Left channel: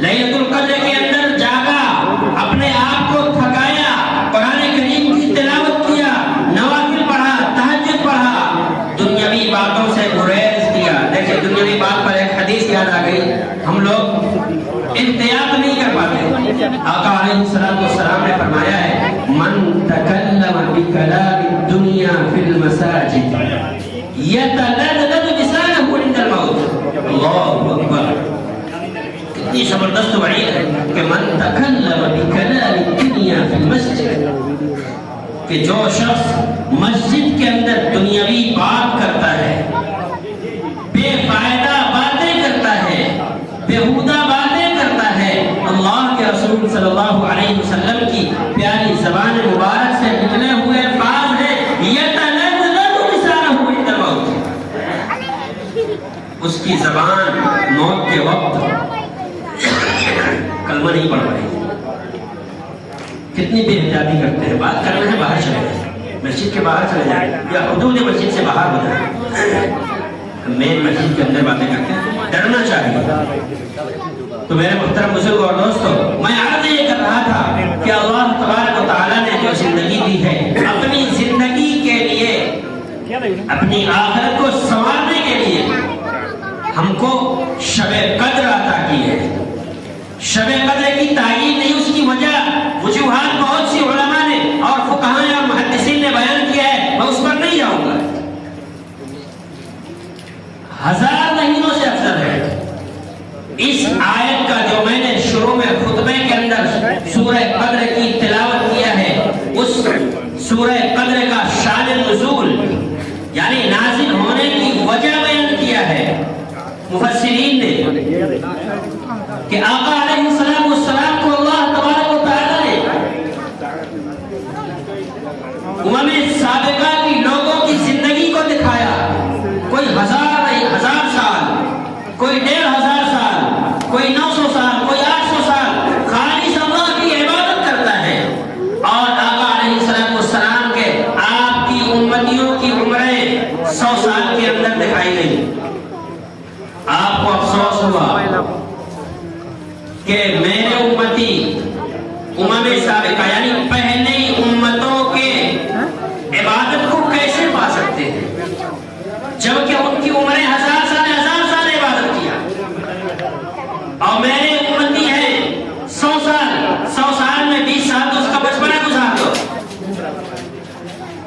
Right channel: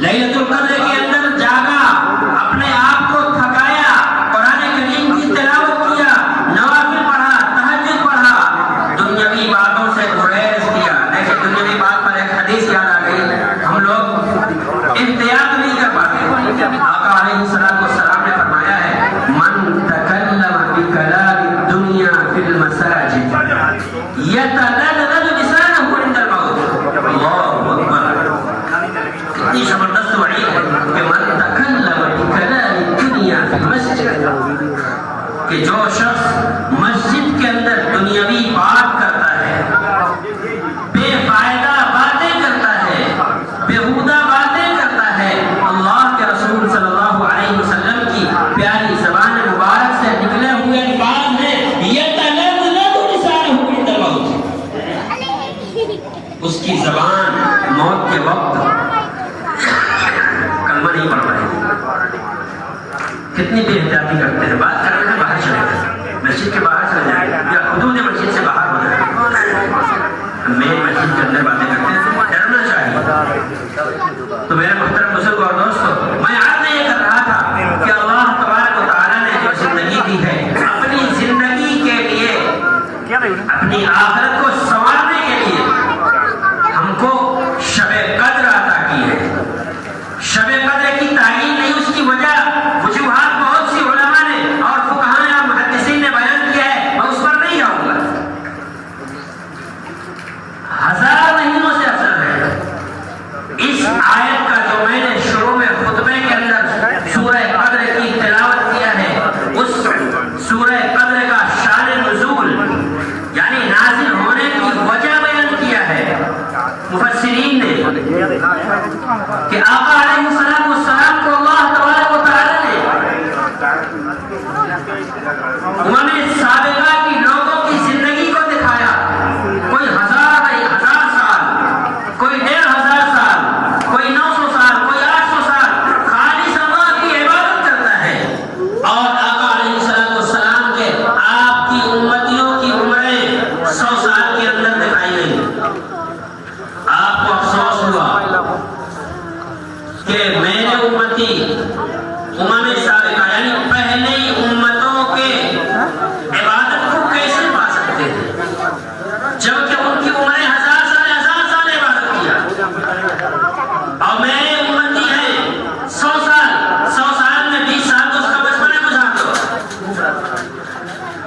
ليلة القدر کے اندر جاگا، اپنے آپ کو تھکایا، قرآن کریم کی تلاوت کیا، نوافل پڑھا، تہجد پڑھا، دنیاوی باتوں سے گریز کیا۔ دیکھیں دنیاوی بات پر ایک حدیث یاد آ گئی، ہم لوگ احتیاط نہیں کر پاتے۔ آقا علیہ السلام نے فرمایا ہے من تکلم بکلام الدنیا فی المساجد یتلذذ لسانہ عند الموت۔ اللہ اکبر، کتنی زبردست وعید ہے کہ من تکلم بکلام الدنیا فی المسجد، کہ جو شخص مسجد کے اندر دنیاوی بات کرتا ہے، بے فائدہ باتیں کرتا ہے، بیہودہ باتیں کرتا ہے، اللہ کے رسول صلی اللہ علیہ وسلم کی پیاری زبان مبارک سے نکلے ہوئے الفاظ ہیں یتلذذ لسانہ عند الموت، اس کی زبان موت کے وقت کلمہ نہیں پڑھ رہے۔ کتنی بے احتیاطی کرتے ہیں، بات کر رہے ہیں باہر چلے جائیں، مسجد کے باہر چلے جائیں یا حدود مسجد سے باہر ہو جائیں، مین مسجد کے اندر باتیں کرتے ہیں، ڈرنا چاہیے۔ تو میرے محترم بزرگ اور دوستو، میں عرض یہ کر رہا تھا کہ اللہ تبارک و تعالیٰ نے جو زندگی دی ہے، اپنی زندگی کے لیے، اپنی آخرت کو سنوارنے کے لیے ہم کو شب قدر عطا کی ہے۔ شب قدر کی تعین نہیں، اس کی وجہ وجوہات بہت سی علماء نے اور فقہاء اور محدثین نے بیان کیا ہے، میں اس پر نہیں جاؤں گا۔ 1000 مہینوں سے افضل ہے۔ اس آیت کا جو میں نے شروع میں خطبے کے اندر سورہ قدر کی تلاوت کیا ہے، اس سورہ قدر کا شان نزول یعنی نازل ہونے کی وجہ بیان کیا ہے مفسرین نے، کہ آقا علیہ السلام کو اللہ تبارک و تعالی نے امم سابقہ کی لوگوں کی زندگی کو دکھایا، کوئی 1000 سال، کوئی 1500 سال، کوئی 900 سال، کوئی 800 سال خالص اللہ کی عبادت کرتا ہے، اور آقا علیہ السلام کے آپ کی امتیوں کی عمریں 100 سال کے اندر دکھائی گئی۔ آپ کو افسوس ہوا کہ میرے امتی امم سابقہ یعنی پہلے امتوں کے عبادت کو کیسے پا سکتے ہیں، جبکہ ان کی عمریں 1000 سال عبادت کیا، اور میرے امتی ہیں 100 سال میں 20 سال تو اس کا بچپنا گزار دو،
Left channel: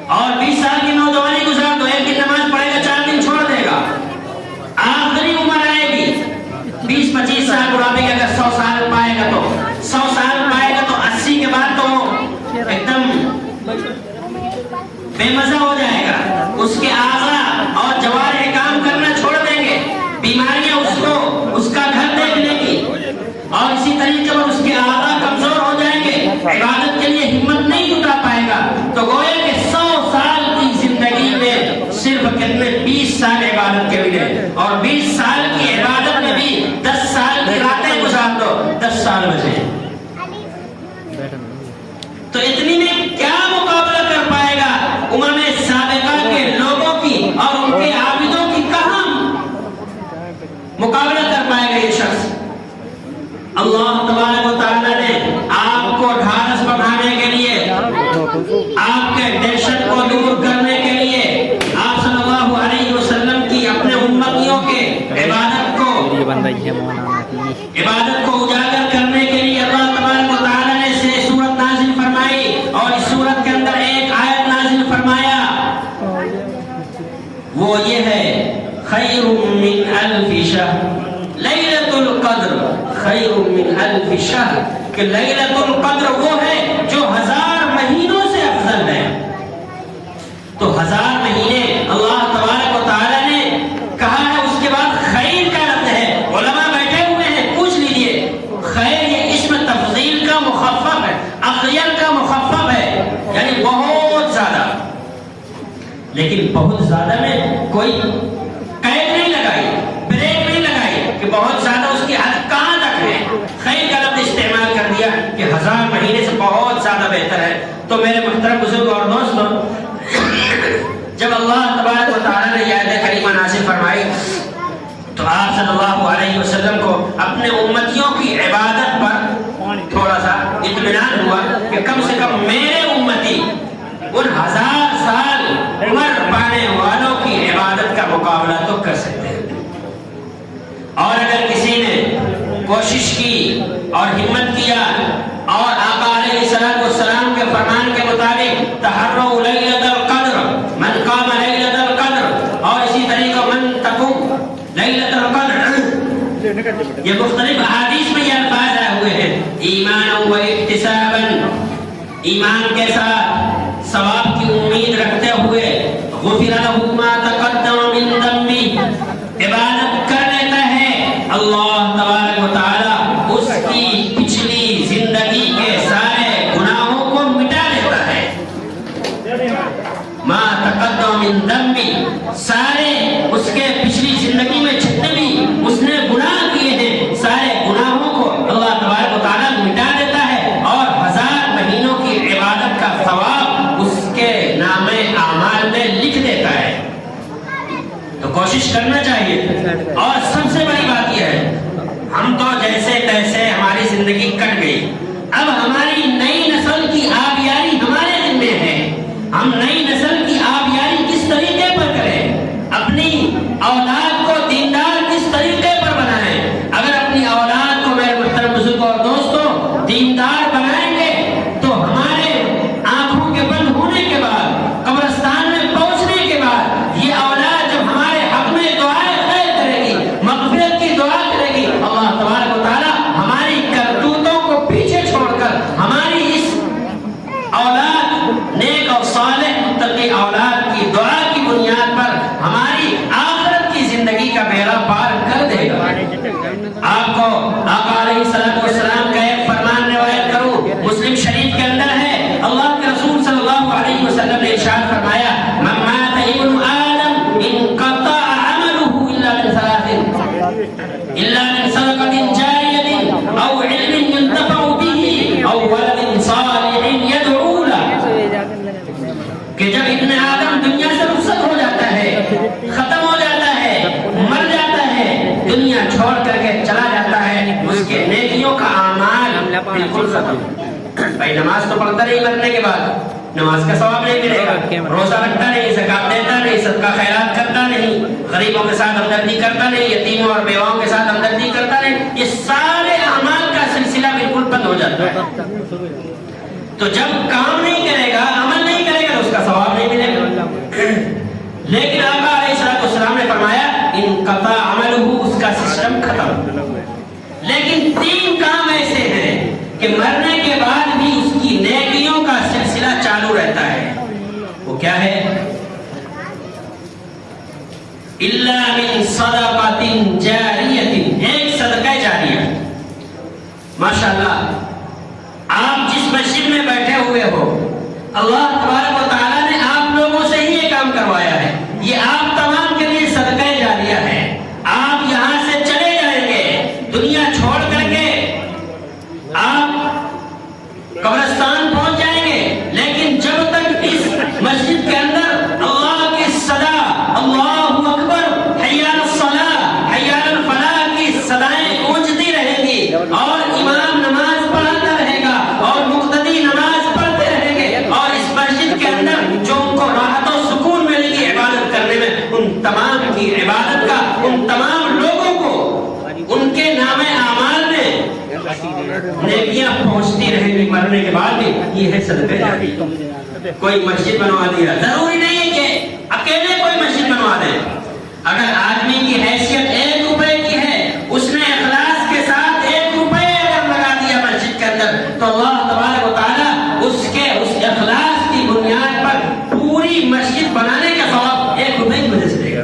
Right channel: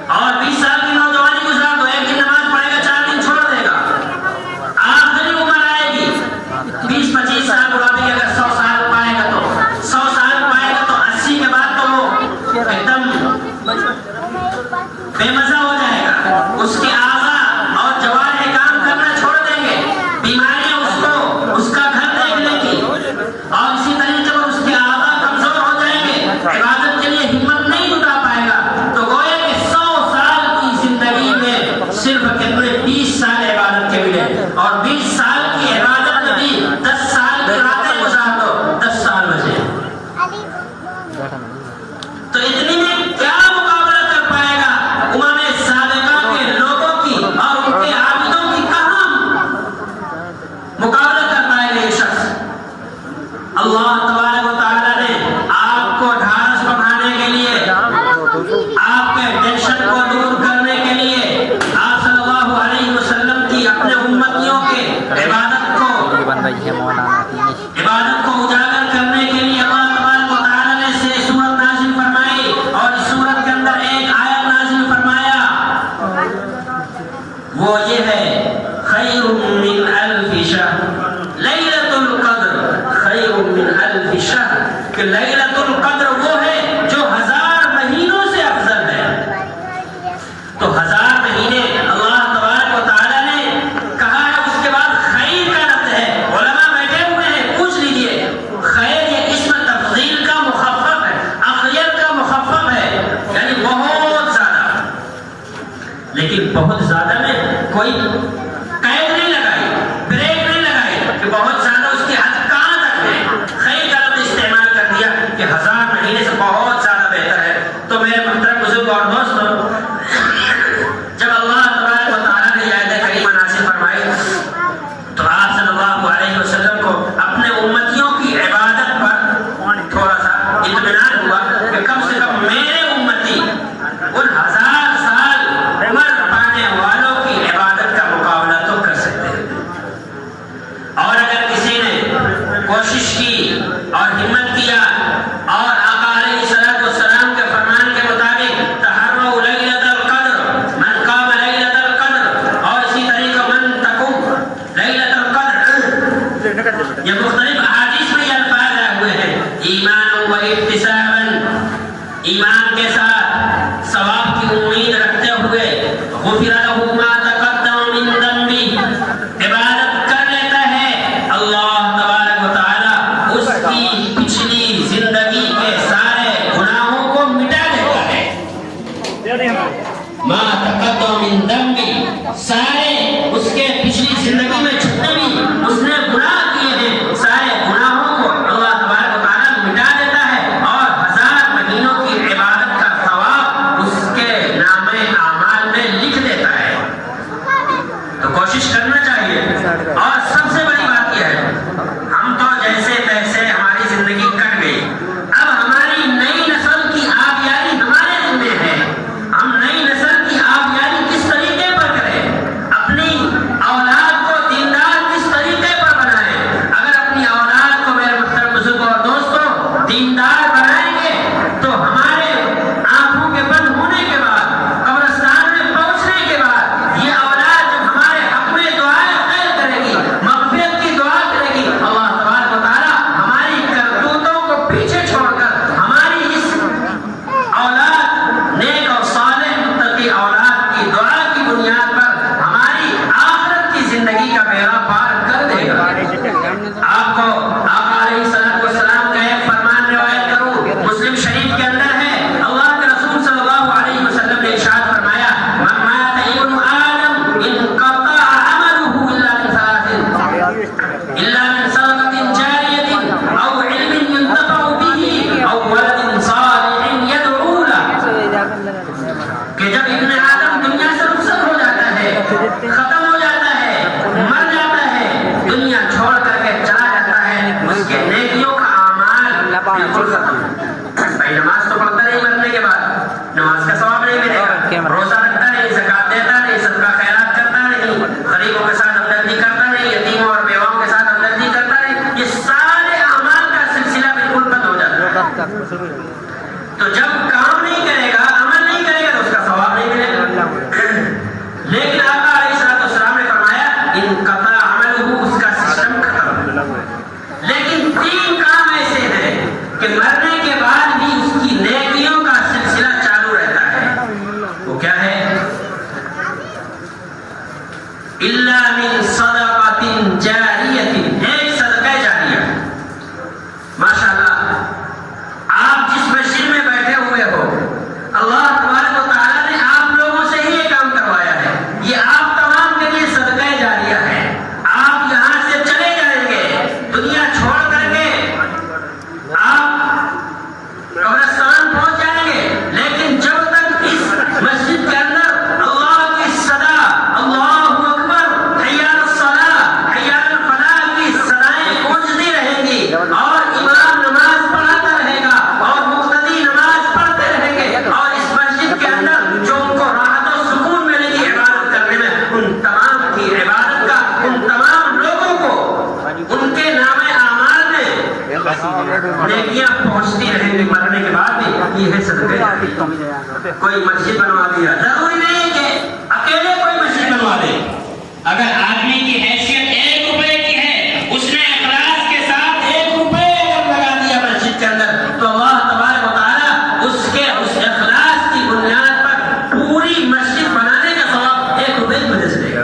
اور 20 سال کی نوجوانی گزار دو، ایک دن نماز پڑھے گا، 4 دن چھوڑ دے گا، آخری عمر آئے گی 20-25 سال بڑھاپے کے، اگر 100 سال پائے گا تو 100 سال پائے گا تو 80 کے بعد تو وہ ایک دم بے مزہ ہو جائے گا، اس کے اعضاء اور جوارح کام کرنا چھوڑ دیں گے، بیماریاں اس کا گھر دیکھ لیں گی، اور اسی طریقے پر اس کے اعضاء کمزور ہو جائیں گے، عبادت کے لیے ہمت نہیں جتا پائے گا۔ تو گویا کہ 100 سال کی زندگی میں صرف کتنے 20 سال عبادت کے ملے، اور 20 سال کی عبادت میں بھی 10 سال کی راتیں گزار دو، 10 سال بچے، تو اتنی میں کیا مقابلہ کر پائے گا امم سابقہ کے لوگوں کی، اور ان کے عابدوں کی کہاں مقابلہ کر پائے گا یہ شخص۔ اللہ تبارک و تعالیٰ نے آپ کو ڈھارس بڑھانے کے لیے، آپ کے ٹینشن کو دور کرنے کے لیے، آپ صلی اللہ علیہ وسلم کی اپنے امتیوں کے عبادت کو اجاگر کرنے کے لیے اللہ تبارک و تعالیٰ نے سے سورت نازل فرمائی، اور اس سورت کے اندر ایک آیت نازل فرمایا، وہ یہ ہے خیر من الف شہر، لیلۃ القدر خیر من الف شہر، کہ لیلۃ القدر وہ ہے جو 1000 مہینوں سے افضل ہے۔ تو 1000 مہینے اللہ تبارک و تعالیٰ نے کہا ہے، اس کے بعد خیر کا لفظ ہے، علماء بیٹھے ہوئے ہیں، پوچھ لیجئے، خیر یہ اسم تفضیل کا مخفف ہے، اخیر کا مخفف ہے، یعنی بہت زیادہ، لیکن بہت زیادہ میں کوئی قید نہیں لگائی، بریک نہیں لگائی کہ بہت زیادہ اس کی حد کہاں تک ہے، خیر کا لفظ استعمال کر دیا کہ 1000 مہینے سے بہت زیادہ بہتر ہے۔ تو میرے محترم بزرگ اور دوستوں، جب اللہ تبارک و تعالیٰ نے یہ آیت کریمہ نازل فرمائی تو آپ صلی اللہ علیہ وسلم کو اپنے امتیوں کی عبادت تھوڑا سا اطمینان ہوا کہ کم سے کم میرے امتی ان 1000 سال عمر پانے والوں کی عبادت کا مقابلہ تو کر سکتے ہیں. اور اگر کسی نے کوشش کی اور ہمت کیا اور آقا علیہ السلام کے فرمان کے مطابق تحروا لیلۃ القدر، من قام لیلۃ القدر، اور اسی طریقہ من تقوم لیلۃ القدر، یہ مختلف احادیث میں یہ الفاظ آئے ہوئے ہیں. ایمان و احتسابا، ایمان کے ساتھ ثواب کی امید رکھتے ہوئے، غفر له ما تقدم من ذنبه، عبادت کر لیتا ہے اللہ تبارک و تعالی اس کی پچھلی زندگی کے سارے گناہوں کو مٹا دیتا ہے. ما تقدم من ذنبه، سارے اس کے پچھلی زندگی میں جتنے بھی اس نے گناہ کیے ہیں سارے گناہوں کو اللہ تبارک و تعالی مٹا دیتا ہے اور 1000 مہینوں کی عبادت کا ثواب اس کے نامے اعمال میں لکھ دیتا ہے. تو کوشش کرنا چاہیے. اور سب سے بڑی بات یہ ہے، ہم تو جیسے تیسے ہماری زندگی کٹ گئی، اب ہماری نئی نسل کی آبیاری ہمارے ذمہ ہے. ہم نئی نسل کی آبیاری کس طریقے پر کریں، اپنی اولاد کو دیندار کس طریقے پر بنائیں. اگر اپنی اولاد کو، میرے محترم بزرگوں اور دوستوں، دیندار بنائیں گے تو ہمارے آنکھوں کے بند ہونے کے بعد، قبرستان میں پہنچنے کے بعد، یہ اولاد جب ہمارے حق میں دعائیں خیر کرے گی، مغفرت کی دعا کرے گی، اللہ تبارک و تعالی ہماری کرتوتوں کو پیچھے چھوڑ کر ہماری اس اولاد نیک اور صالح متقی اولاد کی دعا کی بنیاد پر ہماری آخرت کی زندگی کا بیڑا پار کر دے گا. آپ کو آقا علیہ السلام کا ایک فرمان روایت کروں، مسلم شریف کے اندر ہے. اللہ کے رسول صلی اللہ علیہ وسلم نے ارشاد فرمایا، من مات ابن آدم انقطع عمله الا من ثلاث، الا من صدقة جاریة او علم ينتفع به او ولد صالح يدعو له. کہ جب ابن آدم دنیا سے رخصت ہو جاتا ہے، ختم ہو جاتا ہے، مر جاتا ہے، دنیا چھوڑ کر کے چلا جاتا ہے، اس کے نیکیوں کا اعمال بالکل ختم. بھائی نماز تو پڑھتا نہیں مرنے کے بعد، نماز کا ثواب نہیں ملے گا، روزہ رکھتا نہیں، زکات دیتا نہیں، صدقہ خیرات کرتا نہیں، غریبوں کے ساتھ ہمدردی کرتا نہیں، یتیموں اور بیواؤں کے ساتھ ہمدردی کرتا نہیں، یہ سارے اعمال کا سلسلہ بالکل بند ہو جاتا ہے. تو جب کام نہیں کرے گا، عمل نہیں کرے گا تو اس کا ثواب نہیں ملے گا. لیکن آقا علیہ السلام نے فرمایا انقطع عملہ، اس کا سسٹم ختم. لیکن 3 کام ایسے ہیں کہ مرنے کے بعد بھی اس کی نیکیوں کا سلسلہ چالو رہتا ہے. وہ کیا ہے؟ الا من صدقۃ جاریۃ، ایک صدقہ جاریہ. ماشاءاللہ آپ جس مسجد میں بیٹھے ہوئے ہو، اللہ تبارک و تعالیٰ نے آپ لوگوں سے ہی یہ کام کروایا ہے. یہ آپ تمام کے لیے صدقہ جاریہ ہے. آپ یہاں سے چلے جائیں گے، دنیا چھوڑ کر کے آپ قبرستان پہنچ جائیں گے، لیکن جب تک اس مسجد کے اندر اللہ کی صدا، اللہ اکبر، حی علی الصلاۃ، حی علی الفلاح کی صدائیں گونجتی رہیں گی اور امام نماز پڑھاتا رہے گا اور مقتدی نماز پڑھتے رہیں گے، اور اس مسجد کے اندر جو ان کو راحت و سکون ملے گی عبادت کرنے میں، ان تمام کی عبادت کا ان تمام لوگوں کو ان کے نام اعمال میں نیکیاں پہنچتی رہیں گی مرنے کے بعد بھی. یہ ہے صدقہ جاریہ. کوئی مسجد بنوا دیا، ضروری نہیں کہ اکیلے کوئی مسجد بنوا دے. اگر آدمی کی حیثیت 1 روپے کی ہے، اس نے اخلاص کے ساتھ 1 روپے اگر لگا دیا مسجد کے اندر، تو اللہ تبارک و تعالیٰ اس کے اس اخلاص کی بنیاد پر پوری مسجد بنانے کا ثواب 1 روپے کی وجہ سے دے گا.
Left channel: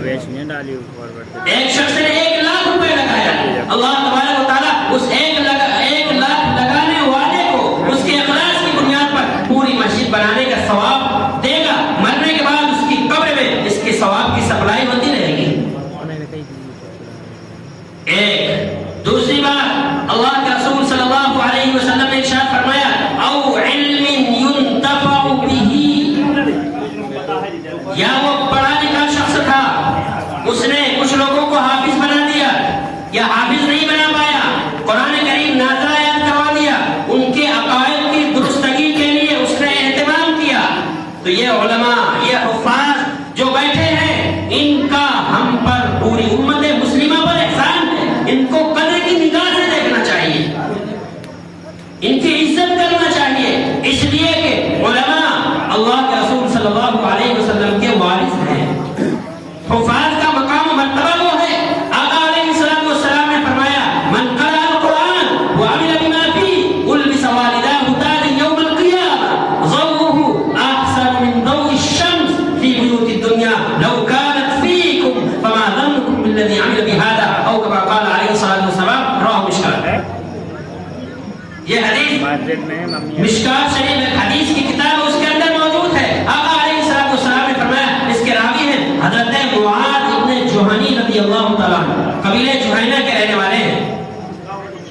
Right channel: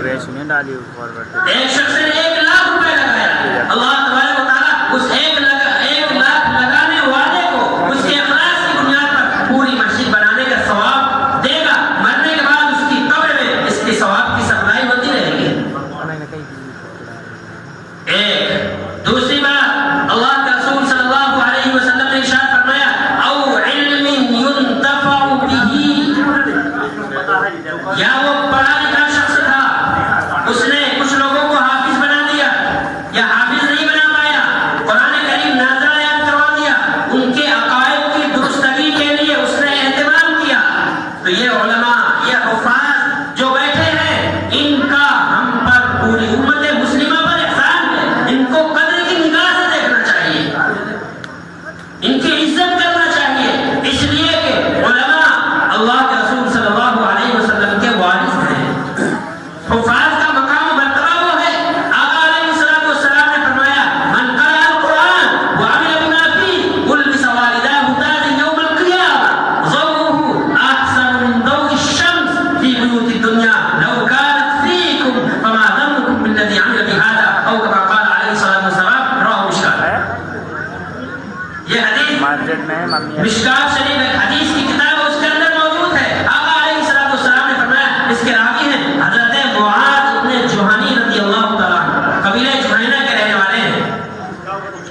ایک شخص نے 1 لاکھ روپے لگایا، اللہ تبارک و تعالیٰ اس 1 لاکھ لگانے والے کو اس کے اخلاص کی بنیاد پر پوری مسجد بنانے کا ثواب دے گا. مرنے کے بعد اس کی قبر میں اس کی ثواب کی سپلائی ہوتی رہے گی. ایک دوسری بات، اللہ کے رسول صلی اللہ علیہ وسلم نے ارشاد فرمایا، او علم ينتفع به، یا وہ پڑھا لکھا شخص تھا، اس نے کچھ لوگوں کو حافظ بنا یہ حدیث مشکات شریف ایک حدیث کی کتاب اس کے اندر موجود ہے. آقا علیہ السلام نے فرمایا، اس کے راوی ہیں حضرت معاذ ابن جوہنی رضی اللہ تعالیٰ عنہ، قبیلہ جوہینہ کے رہنے والے ہیں.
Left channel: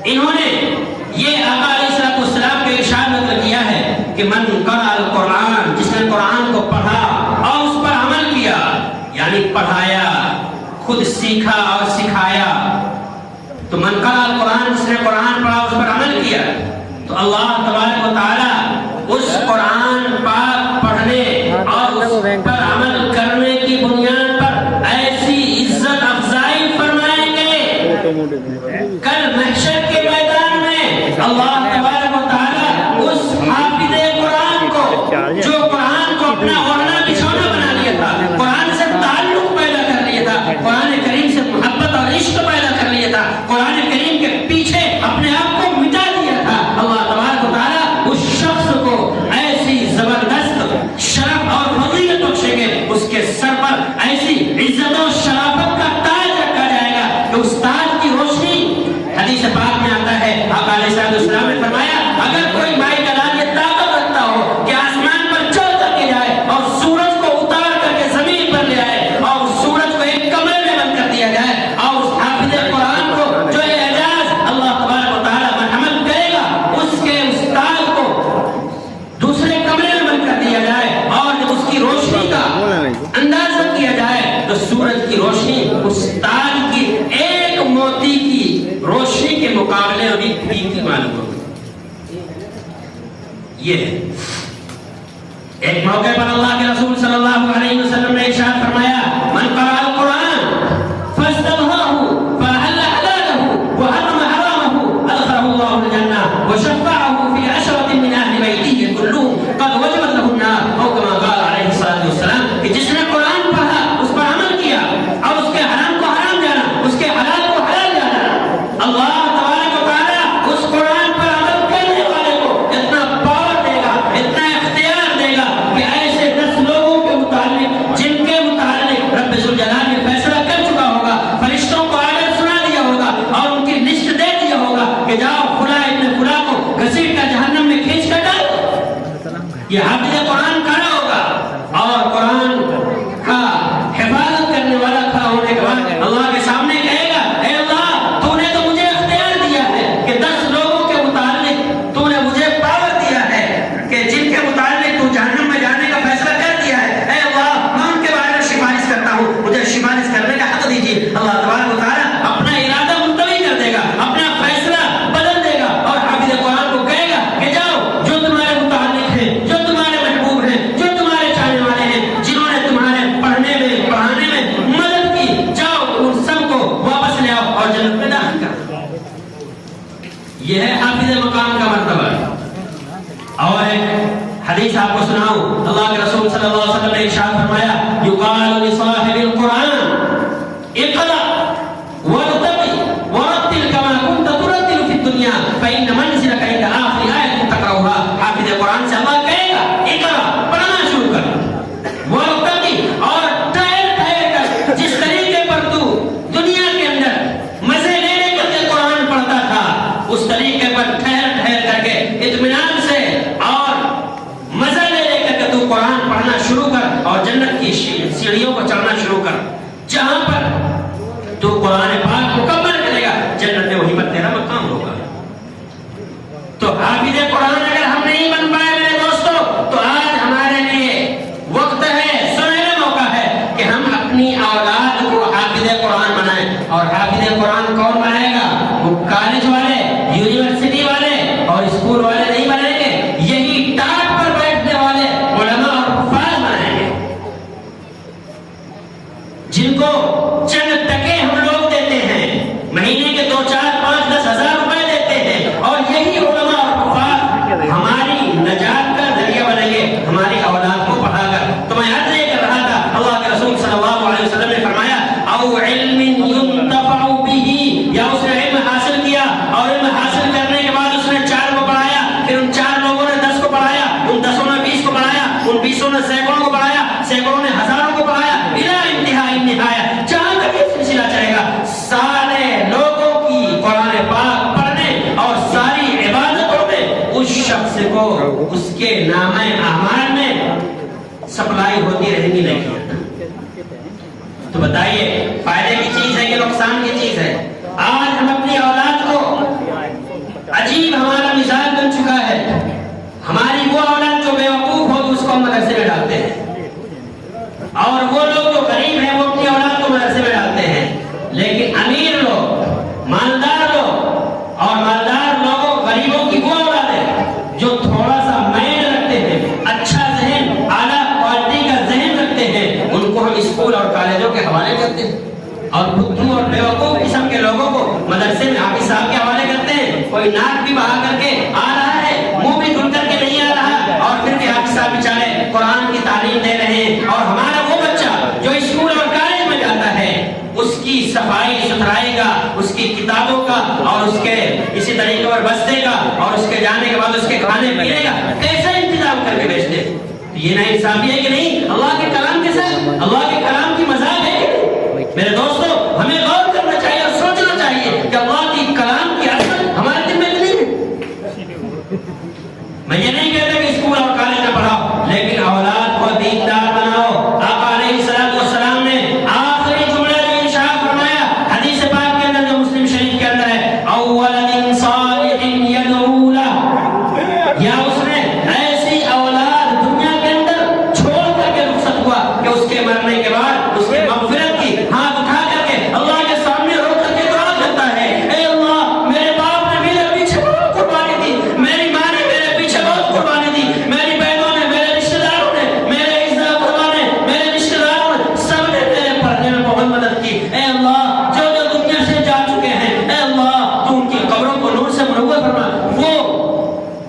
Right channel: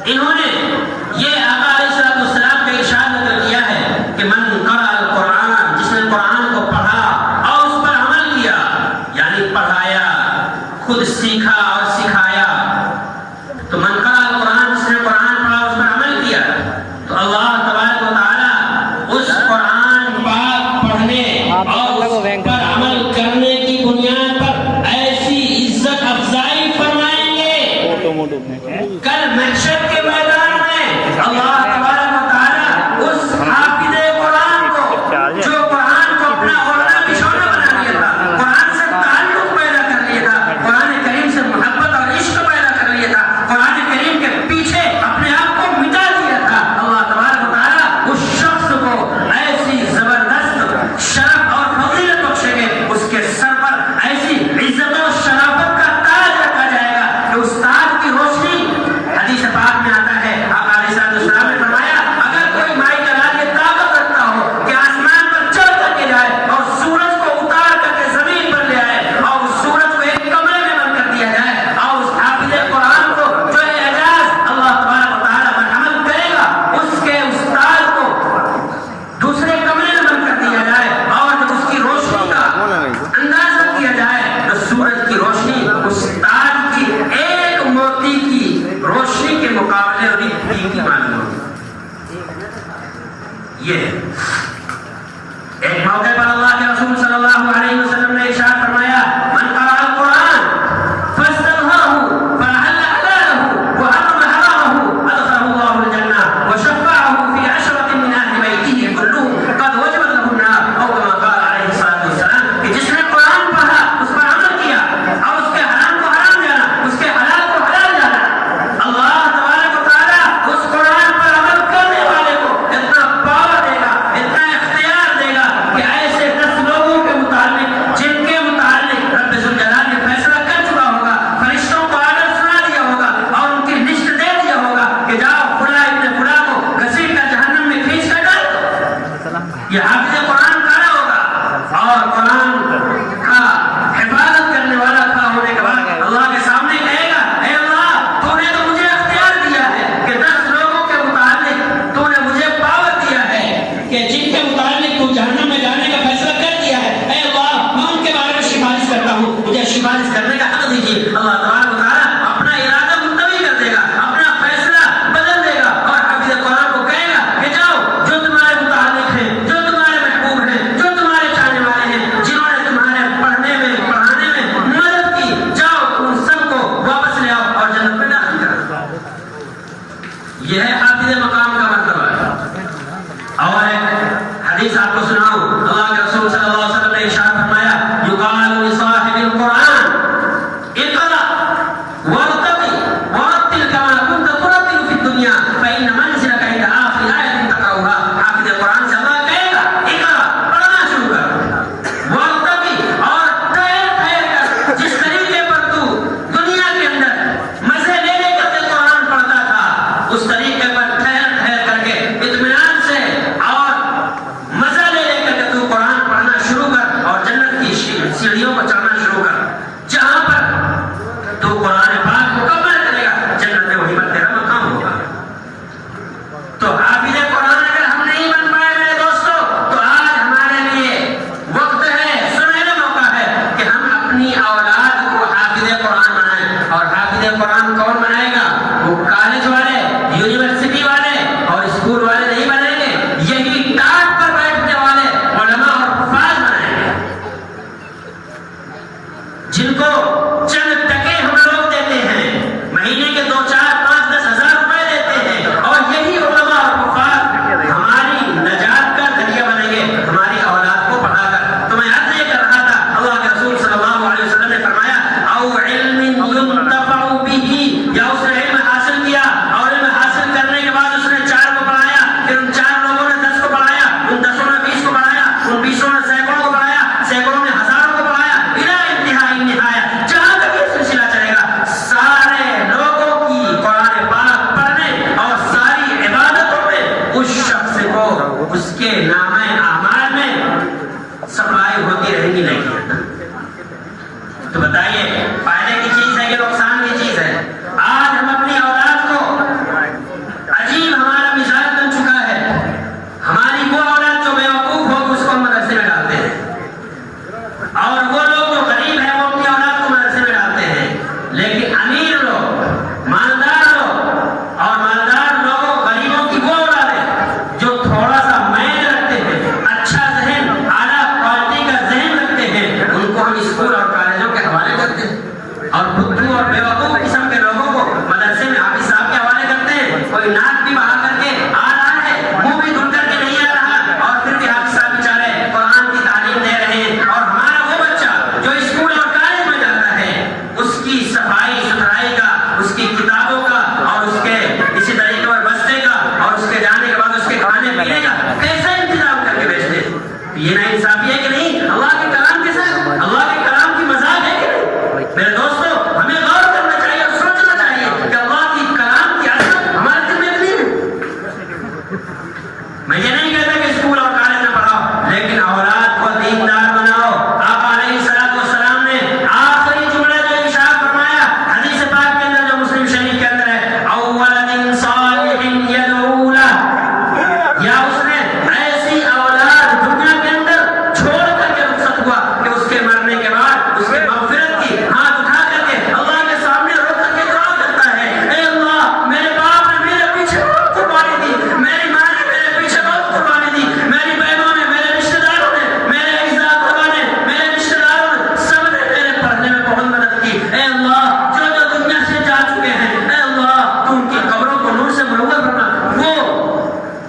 انہوں نے یہ آقا علیہ السلام کے ارشاد نقل کیا ہے کہ من قرأ القرآن، جس نے قرآن کو پڑھا اور اس پر عمل کیا، یعنی پڑھایا، خود سیکھا اور سکھایا. تو من قرأ القرآن، جس نے قرآن پڑھا اس پر عمل کیا، تو اللہ تبارک و تعالی اس قرآن پاک پڑھنے اور اس پر عمل کرنے کی بنیاد پر ایسی عزت افزائی فرمائیں گے. کل محشر کے میدان میں اللہ تبارک و تعالی اس حافظ قرآن کو، جو قرآن کو اپنا اوڑھنا بچھونا بنا لیا تھا، قرآن سے تعلق پیدا کر لیا تھا، قرآن کریم سے محبت اور عشق پیدا کر لیا تھا، قرآن کریم کے پیچھے اپنے آپ کو مٹا دیا تھا، اللہ تبارک و تعالی اس شخص کو ایسی زبردست شرف اور فضیلت بخشیں گے، اس کے سر پر ایسی عزت و شرافت کا تاج رکھا جائے گا کہ اس تاج کی روشنی، حدیث پاک میں آتا ہے، آقا علیہ السلام نے فرمایا اگر کوئی مائی جلال یہ طاقت رکھتا ہو کہ آسمان پر چڑھ کر کے جائے اور سورج کو اتار کر کے زمین پر لے آئے اور اس سورج کو ایک کمرے میں بند کر دیا جائے اور اس حافظ قرآن کو جو اعجاز اللہ تبارک و تعالیٰ پر عمل کرے گا، اس کے استاد کو دوسرے کمرے میں بند کر دیا جائے اور جب اس کی روشنی کا اندازہ کیا جائے تو سورج کی روشنی استاد کی ایک موتی کی روشنی کے مقابلے ابھی قیمتی معلوم ہوگی. یہ ایک موقع پر اللہ کے رسول صلی اللہ علیہ وسلم نے ارشاد فرمایا، من قرأ القرآن فاستظهره فأحل حلاله وحرم حرامه أدخله الله الجنة وشفعه في 10 من أهل بيته كلهم قد وجبت له النار أو كما قال عليه الصلاة والسلام. کہ جس نے قرآن پڑھا، اس پر عمل کیا اور اس کے حرام کو حرام جانا، اس کے حلال کو حلال جانا، اللہ تبارک و تعالیٰ اس قرآن پر عمل کرنے والے کو اتنا پاور دے گا، اتنا اختیار دے گا کہ ایسے 10 لوگوں کے متعلق جن کے متعلق رب ذوالجلال نے فیصلہ کر چکا ہوگا، فرشتوں کو آڈر سنا دیا ہوگا اور ان کی لسٹ دے دیا ہوگا کہ جاؤ فلاں ابن فلاں کو گھسیٹ کر جہنم میں کھینچ کر ڈال. یہ حافظ قرآن کھڑا ہوگا اور قرآن کا حفاظت کرنے والا کھڑا ہونے کے بعد اللہ کے سامنے کہے گا، اے اللہ تو نے تو مجھے اختیار دیا ہے کہ 10 لوگوں کے متعلق تو نے مجھے پاور دیا ہے کہ جن کے متعلق تو جہنم میں جانے کا فیصلہ کر دیا ہے، اے اللہ میں ان کے بارے میں سفارش کرتا ہوں، مجھے سفارش کرنے کا حق دیجیے. اللہ تبارک و تعالیٰ اپنا ارادہ ملتوی کر دے گا، اپنا فیصلہ بدل دے گا اور حافظ قرآن کو کہے گا کہ جاؤ جو تمہارے متعلق ہیں، جو تمہارے محبوب ہیں، جو تمہارے چاہنے والے ہیں، جنہوں نے تمہارے پڑھنے میں پڑھانے میں مدد کی، جاؤ ان سب کو واپس لے آؤ اور جنت میں داخل کرو. یہ ہے حافظ مقام کا مرتبہ. اور ایک حدیث آپ کو سناؤں، اللہ کے رسول صلی اللہ علیہ وسلم نے ارشاد فرمایا، یقال لصاحب القرآن اقرأ وارتقي ورتل كما كنت ترتل في الدنيا فإن منزلك عند آخر آية تقرأها. حافظ قرآن سے اللہ کہے گا اقرأ، پڑھنا شروع کر، وارتقي اور ٹھہر ٹھہر کر، جس طریقے پر تو دنیا کے اندر مزے لے لے کر کے قرآن پڑھتا تھا، اس طریقے پر ٹھہر ٹھہر کر کے اطمینان سے اور مزہ لے لے کر کے تو قرآن پڑھنا شروع کر اور جنت کی سیڑھیوں پر چڑھنا شروع کر. جہاں پر تو قرآن پاک مکمل کرے گا جنت میں وہیں پر تیرا مقام ہوگا. تو حافظ قرآن اگر ہم نہیں بن پائے میرے دوستو تو آج ہمارے لیے وقت ہے، سنہرا موقع ہے کہ ہم اپنی اولاد کو حافظ قرآن بنائیں. اور حافظ قرآن کون بنائے گا؟ وہ کالج والے، یونیورسٹی والے کو اس کے نامہ اعمال میں سپلائی ہوتی رہیں گی نہیں. تو بتائیے فائدے کی چیز ہے کہ نقصان کی چیز ہے؟ آج ہم اپنی اولاد کو عجیب ہمارا مزاج بن چکا ہے. ہماری وہ اولاد جو بیوقوف ہو اس کو ہم مدرسے میں ڈالتے ہیں، اور وہ لوگ جو غریب ہیں وہ اپنی اولاد کو مدرسے میں ڈالتے ہیں. لیکن امیر لوگ، مالدار لوگ اور مالدار لوگوں غریبوں کی وہ اولاد ہے جو تھوڑا سا میل رکھتے ہیں، اچھا ذہن، اعلیٰ کوالٹی کا ذہن رکھتے ہیں، ان کو ہم اسکول اور کالجوں کے حوالے کرتے ہیں، اور بدھو اور بیوقوف قسم کے لوگوں کو مدرسے میں حافظ صاحب کے حوالے کرتے ہیں. کوئی ناک بھی بہا کر کے آ رہا ہے، منہ بھی دھل کر کے نہیں آ رہا، اور پھر بھی حافظ صاحب بیچارے قرآن کی تعلیم دے رہے ہیں. اور ہمارا وہ بچہ جو اسکول اور کالج میں جاتا ہے اس کی صفائی ستھرائی کا، اس کی کتابوں کا، اور اس کے اسی طریقے پر بستے کا، اور اس کے جانے کے بعد اس کے کھانے پینے کا کیسا انتظام کر کے بھیجتے؟ یہ نا انصافی ہے کہ نہیں؟ اللہ کے کلام کے ساتھ اللہ کے کلام کی مذاق ہے کہ نہیں؟ میرے دوستو، ہمیں غور کرنا چاہیے اور سوچنا چاہیے کہ اللہ کی کلام کی اثر ہمارے دل میں نہیں ہے. میں یہ نہیں کہتا کہ اسکول اور کالج میں پڑھاؤ، لیکن اولاد کو دیندار بناؤ. آقا علیہ السلام نے آخری جملہ جو ارشاد فرمایا حدیث پاک کے اندر جو مسلم شریف کے اندر ہے، اول صالح یدعو لہ، یا اس نے ایسی اولاد دنیا کے اندر چھوڑ کر کے رخصت ہوا کہ اس کے مرنے کے بعد اس کی مغفرت کی ہاتھ اٹھا کر کے اللہ کے سامنے رو کر کے دعا کرتا ہے، اے اللہ میرے باپ نے میرے پیچھے بہت قربانی دی، میری ماں نے میرے پیچھے بہت قربانی دی، میری بہنوں نے، میرے رشتے داروں نے، میرے عزت نے، میرے رشتے داروں نے، سب نے میرے پڑھنے میں بہت مدد کی. اے اللہ جو جو دنیا سے جا چکے ہیں، اے اللہ تو ان کی قبروں کو نور سے منور فرما. وہ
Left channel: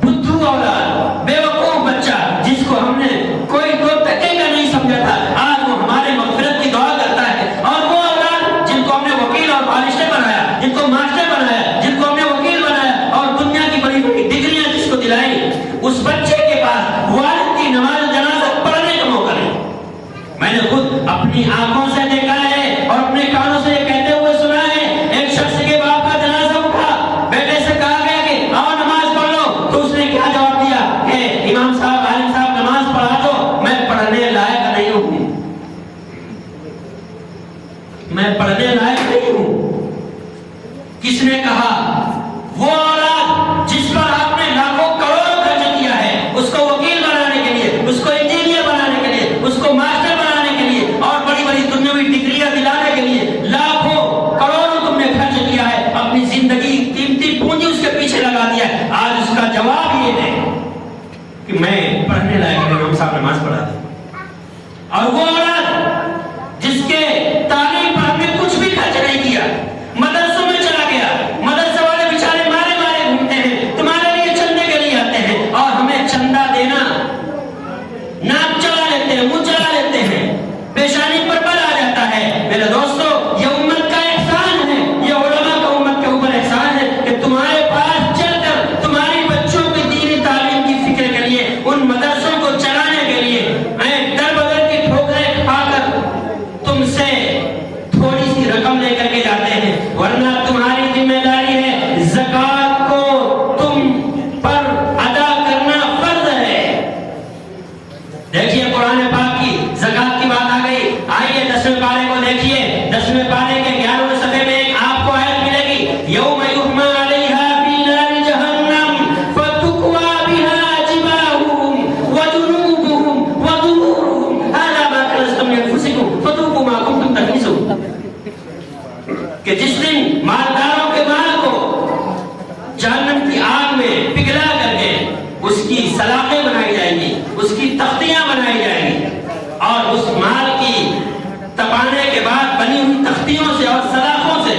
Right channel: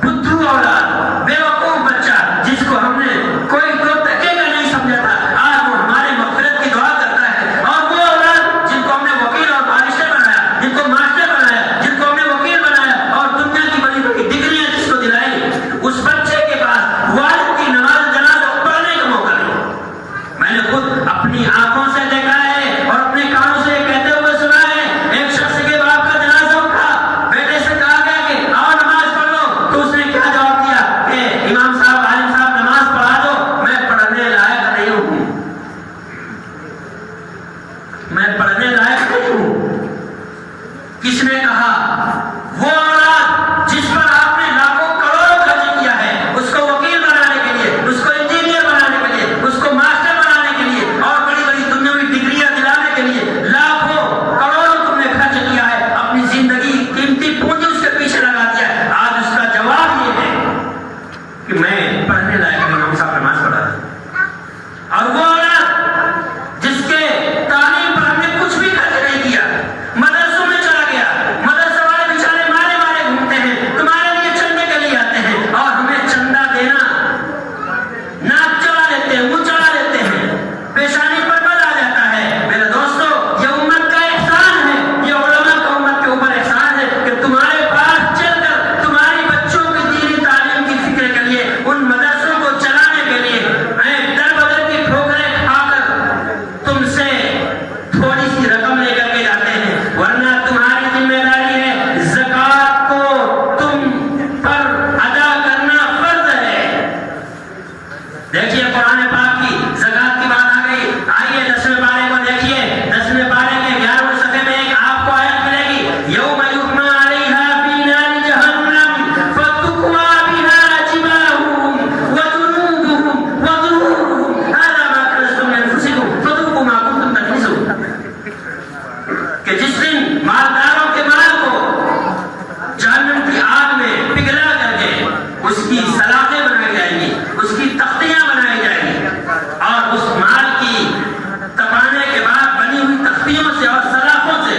بدھو اولاد، بیوقوف بچہ جس کو ہم نے کوئی دو ٹکے کا نہیں سمجھا تھا، آج وہ ہمارے مغفرت کی دعا کرتا ہے. اور وہ اولاد جن کو ہم نے وکیل اور بارسٹر بنایا، جن کو ماسٹر بنایا، جن کو ہم نے وکیل بنایا اور دنیا کی بڑی بڑی ڈگریاں جس کو دلائی، اس بچے کے پاس والد کی نماز جنازہ پڑھنے کا موقع نہیں. میں نے خود اپنی آنکھوں سے دیکھا ہے اور اپنے کانوں سے کہتے ہوئے سنا ہے. ایک شخص کے باپ کا جنازہ اٹھا، بیٹے سے کہا گیا کہ آؤ نماز پڑھ لو، تو اس نے کیا جواب دیا کہ امام صاحب، عالم صاحب نماز پڑھا دو، میں پڑھنے لائق نہیں ہوں، میں پڑھنے لائق نہیں ہوں. کس نے کہا؟ وہ اولاد جس پر آپ نے لاکھوں کروڑوں خرچ کیا ہے، اس کو وکیل بنانے کے لیے، اس کو انجینئر بنانے کے لیے، اس کو ماسٹر بنانے کے لیے اور بڑی بڑی دنیاوی ڈگریاں دلانے کے لیے لاکھوں کروڑوں تم نے خرچ کیا ہے، اپنی زندگی قیمتی پونجی اس کے پیچھے لگا دیا ہے. آج اس کا جواب یہ ہے کہ میں پڑھنے لائق نہیں ہوں، صاحب نماز پڑھا دیں. اور وہ اولاد جس کے تعلیم پر ہم نے کچھ بھی خرچ نہیں کیا، مدرسوں میں چلا گیا، مدرسے والے بیچارے مارے مارے گھومتے ہیں، تمہارے لیے چندے کے لیے آتے ہیں، اور ہمیں چندہ دینا، ناک چلا لیتے ہیں، منہ چلا لیتے ہیں، پیشانی پر بل آ جاتا ہے. میرے دوستو، یہ امت کا احسان ہے، یہ علماء کا امت کے اوپر احسان ہے کہ تمہارے پاس چل کر تمہاری بچوں کی دینی تعلیم کی فکر کے لیے، ان مدرسوں کو چلانے کے لیے در بدر کی ٹھوکریں کھا کر تم سے تھوڑی سی رقم لے کر کے جاتے ہیں. ورنہ تمہاری ذمہ داری ہے زکات کو تم پر ادا کرنا فرض ہے. دیکھیے قرآن پاک کی زکات کی بات آ گئی. آئیے 10ویں پارے کو دیکھیے. 10ویں پارے کے 11ویں صفحے میں ایک آپ کو آیت ملے گی، یوم یحمى علیہا فی نار جہنم فتکوی بہا جباہہم وجنوبہم وظہورہم ھذا ما کنزتم لانفسکم فذوقوا ما کنتم تکنزون. کہ جس دن مالداروں کے مال کو جہنم کی آگ میں پگھلا کر کے اس کی سلاخیں بنائی جائیں گی، اس کی تختیاں بنائی جائیں گی، اور اس مال کی تپانے کے بعد بنی ہوئی تختیوں سے اور سلاخوں سے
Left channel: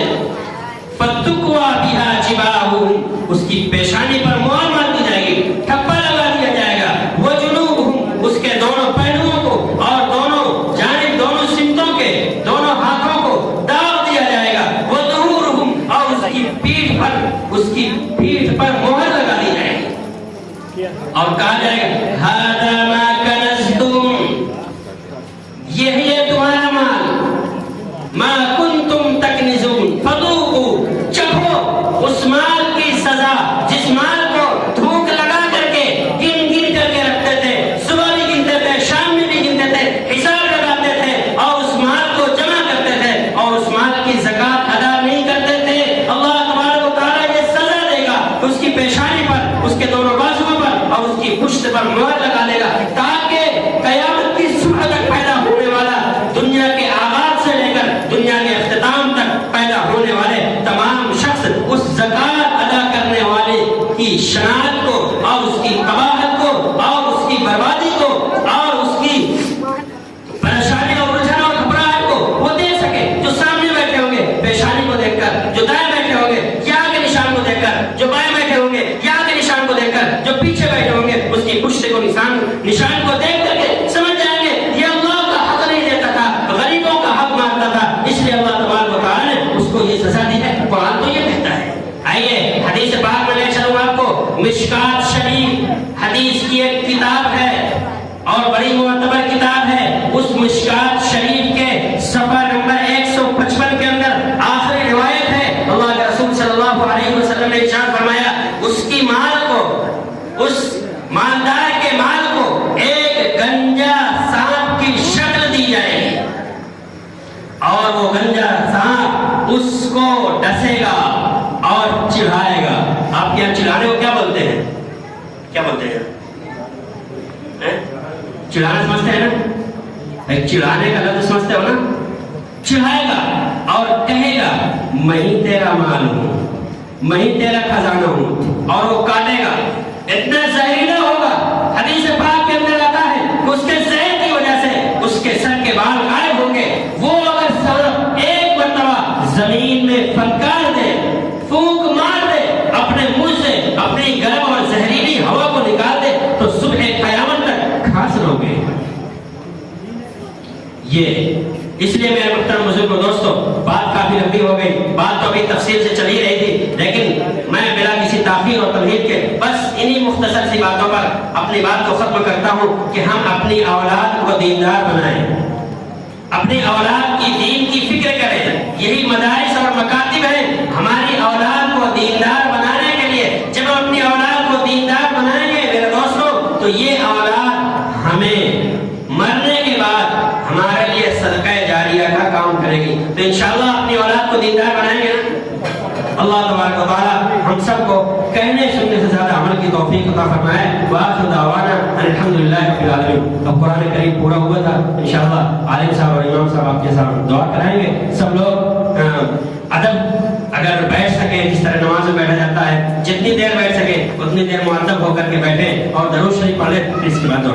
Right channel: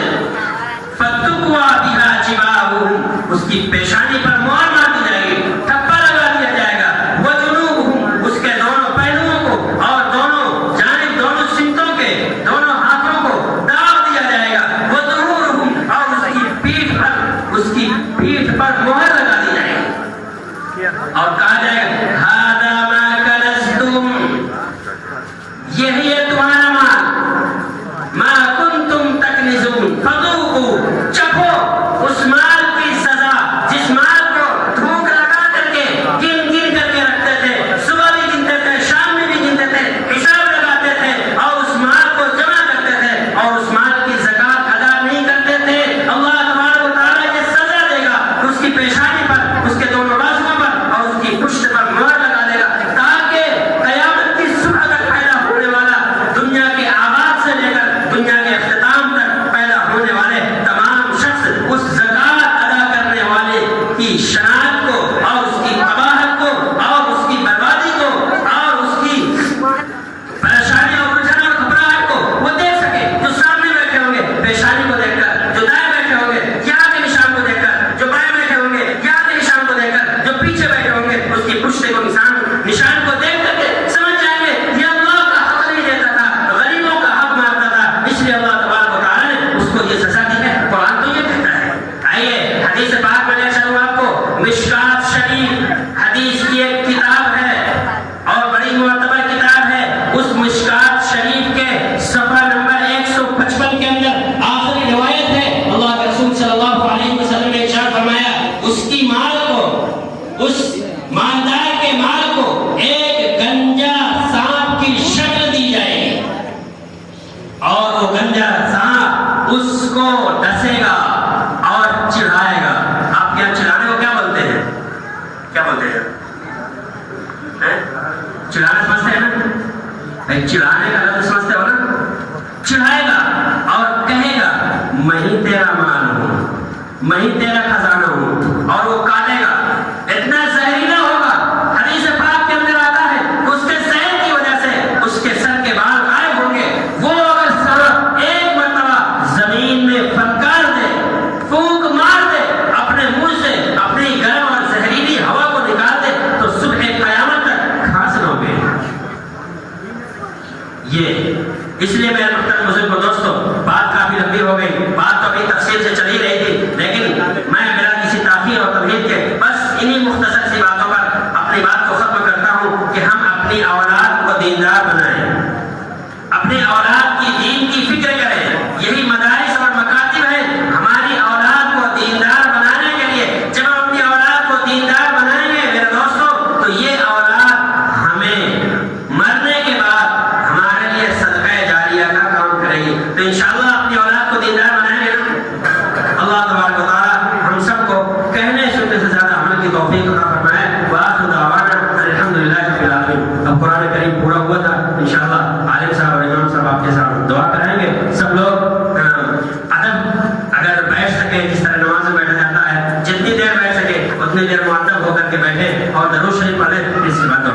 فتکوی بہا جباہہم، اس کی پیشانی پر مہر مار دی جائے گی، ٹھپا لگا دیا جائے گا. وجنوبہم، اس کے دونوں پہلوؤں کو اور دونوں جانب، دونوں سمتوں کے دونوں ہاتھوں کو داغ دیا جائے گا. وظہورہم، اور اس کی پیٹھ پر مہر لگا دی جائے گی اور کہا جائے گا ھذا ما کنزتم، یہی ہے تمہارا مال، ما کنتم تکنزون فذوقوا، چکھو اس مال کی سزا جس مال کو تھوک لگا کر کے پیشانی پر، اس کے دونوں بازوؤں پر اور اس کی پشت پر مہر لگا دے گا، تاکہ قیامت کی صبح تک پیدا ہونے والا، دنیا کے آغاز سے لے کر دنیا کے اختتام تک پیدا ہونے والے تمام شخص اس زکات ادا کرنے والے کی شناخت کو اور اس کی قباحت کو اور اس کی بربادی کو اور اس کی پریشانی اور الجھن اور گھبراہٹ کو وہ دیکھ سکے، جو سامنے بیٹھے ہوں گے پیشانی کو دیکھ کر، جو دائیں بیٹھے ہوں گے یا کے نشان کو دیکھ کر، جو بائیں بیٹھے ہوں گے یا کے نشان کو دیکھ کر، جو پیچھے بیٹھے ہوں گے اس کی پشت کو نشان کو دیکھ کر کے سمجھ جائیں گے یہ اللہ کا حق نہیں دیتا تھا، غریبوں کا حق مارتا تھا، اس لیے اللہ تبارک و تعالیٰ نے اس کو یہ سزا دی ہے۔ قرآن تو یہ کہتا ہے۔ آئیے حدیث پاک میں لے چلوں آپ کو، مشکات شریف حدیث کی ایک کتاب ہے اور بڑی معتبر کتاب ہے۔ اس مشکات شریف کے صفحہ نمبر 155 کے اندر آخری روایت ہے، اللہ کے رسول صلی اللہ علیہ وسلم نے ارشاد فرمایا، اس کی مال کو، اس مالدار کے مال کو ایک گنجا سانپ کی شکل دی جائے گی اور وہ گنجا سانپ اس کو ڈسے گا اور چڑھائے گا۔ آپ کے یہاں چڑھانے کو کیا بولتے ہیں؟ کیا بولتے ہیں؟ چڑھانا سمجھتے ہیں نا؟ چڑھانے کا لفظ سمجھتے ہو نا؟ چڑھائے گا اور کہے گا میں ہی تیرا مال ہوں، میں ہی تیرا خزانہ ہوں، اور وہ کاٹے گا، اتنا زہریلا ہوگا۔ حدیث پاک کے اندر آتا ہے کہ اس کے زہر کی وجہ سے اس کے سر کے بال غائب ہوں گے۔ وہ اگر سانپ ایک مرتبہ زمین میں پھنکار دے، پھونک مار دے، اپنے منہ سے اپنی گرم اور زہریلی ہوا کو نکال دے تو صبح قیامت تک کھاس نہ ہوگے۔ یہ اس لیے میرے محترم بزرگ و دوستو، بات کافی لمبی ہو گئی، بات تو ابھی تفصیل سے چلی رہی تھی، لیکن میں بلا کسی تاخیر اور تمہید کے بس انہی مختصر سی باتوں پر اپنی بات کو ختم کرتا ہوں کہ ہم اپنی اولاد کو دیندار بنائیں، اپنی اولاد کی دین کی فکر کریں۔ یہی مدارس اور مکاتب ہیں ہماری اولاد کو دیندار بنانے کے لیے۔ جب ہم اپنی اولاد کو دیندار بنائیں گے میرے دوستو، تو یہ اولاد ہمیں مرنے کے بعد ہمارے لیے صدقہ جاریہ کا کام کرے گی۔ تو انشاءاللہ اپنی اولاد کو دیندار بنائیں گے نا؟ اللہ تبارک و تعالیٰ ہم سب کو کہنے سننے سے زیادہ عمل کی توفیق عطا فرمائے۔ وآخر دعوانا الحمدللہ رب العالمین۔ اب قرآن کریم پورا ہوا تھا، انشاءاللہ عالم صاحب اور امام صاحب آپ کے ساتھ دعا کرائیں گے۔ سب لوگ ادب اگر بیٹھ سکیں، جس طرح نماز میں بیٹھا جاتا ہے، جتنی دیر بیٹھ سکے اتنی دیر مؤدب ہو کر کے بیٹھے اور درود شریف پڑھ لیں، اس کی بات